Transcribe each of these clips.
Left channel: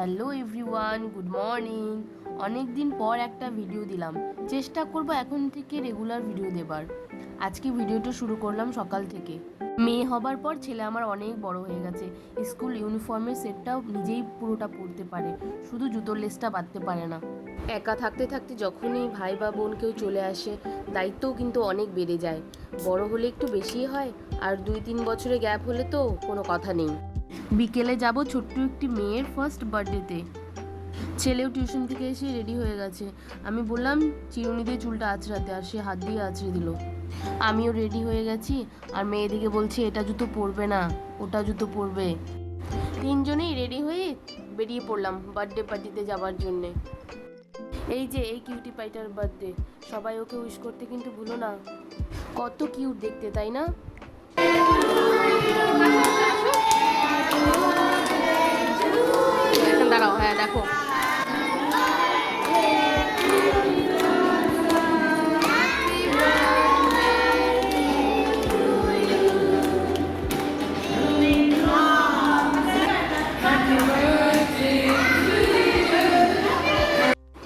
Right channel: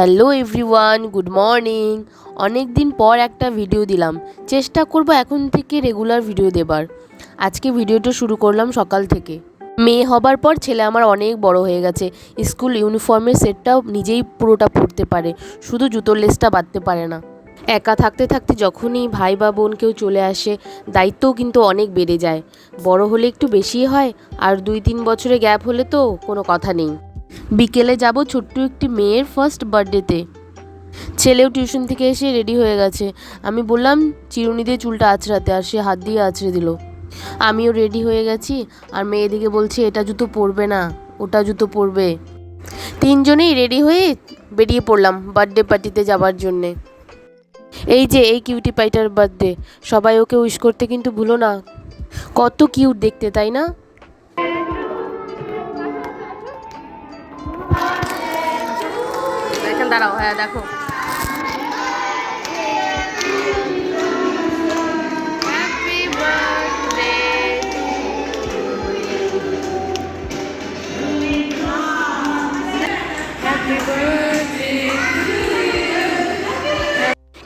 Hello everyone, good morning. অনেক দিন পর একটা ভিডিও দিলাম। চেষ্টা করব এখন থেকে রেগুলার ভিডিও দেবার। আজকে ভিডিওটা শুরু করলাম সকাল থেকে। মেয়ে হবার পর ছেলে আমার অনেক বড় হয়ে গেছে। স্কুল ইউনিফর্মের সেটটাও নিজেই পুরোটা পরতে পারে। শুধু জুতোর লেসটা বাঁধতে পারে না। একা থাকতে থাকতে যখনই ভাই বা বোন কেউ চলে আসে, দায়িত্বও কিন্তু অনেক বেড়ে যায়। বড় হলে একটু বেশিই হয়, আর দুই তিন বছরে গ্যাপ হলে তো কোনো কথা নেই। বিকেলে যাব ছোট্ট একটি মেয়ের ফার্স্ট বার্থডেতে ছেলেও টিউশন থেকে এসে রেডি হয়ে গেছে। আমি বললাম, চিরুনি দিয়ে চুলটা আঁচড়াতে আর সে হাত দিয়ে আঁচড়ে দিল। আমিও রেডি হয়ে গেছি, আর মেয়ে মেয়েদিকে বলছে, এটা জুতো পরবে না, ওটা জুতো পরবে। তিনজনেই রেডি হয়ে বেরিয়ে পড়লাম বার্থডে পার্টিতে যাবার জন্যে। এই যে, এই কিউটি পাইটার বার্থডে সবাই ওকে উইশ করতে কিন্তু ভুলো না। কত কিউট দেখতে, তাই না? দাঁড়াও হ্যাঁ দেখো।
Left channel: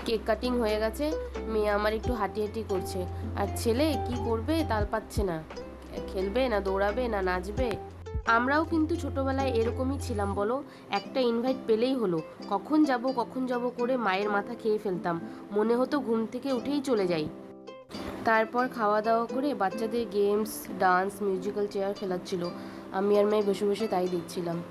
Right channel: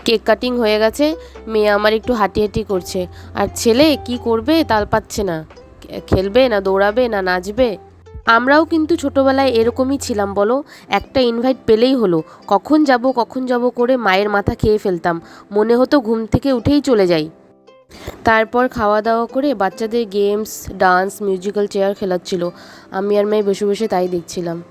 কেক কাটিং হয়ে গেছে মেয়ে আমার একটু হাঁটি হাঁটি করছে। আর ছেলে কি করবে তাল পাচ্ছে না। খেলবে না দৌড়াবে না নাচবে? আমরাও কিন্তু ছোটবেলায় এরকমই ছিলাম, বলো। একটা ইনভাইট পেলেই হলো। কখন যাব কখন যাব করে মায়ের মাথা খেয়ে ফেলতাম। মনে হতো ঘুম থেকে উঠেই চলে যাই। তারপর খাওয়া দাওয়া করে বাচ্চাদের গেমস ডান্স মিউজিক্যাল চেয়ার খেলাচ্ছিল। আমি আর মেয়ে বসে বসে তাই দেখছিলাম।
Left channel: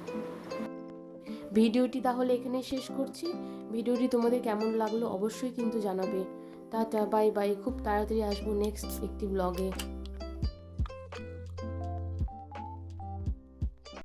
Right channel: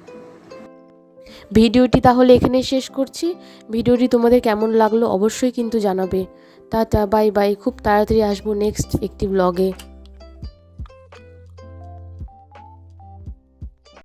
ভিডিওটি তাহলে এখানেই শেষ করছি। ভিডিওটি তোমাদের কেমন লাগল অবশ্যই কিন্তু জানাবে। Tata, bye bye. খুব তাড়াতাড়ি আসব নেক্সট একটি ব্লগে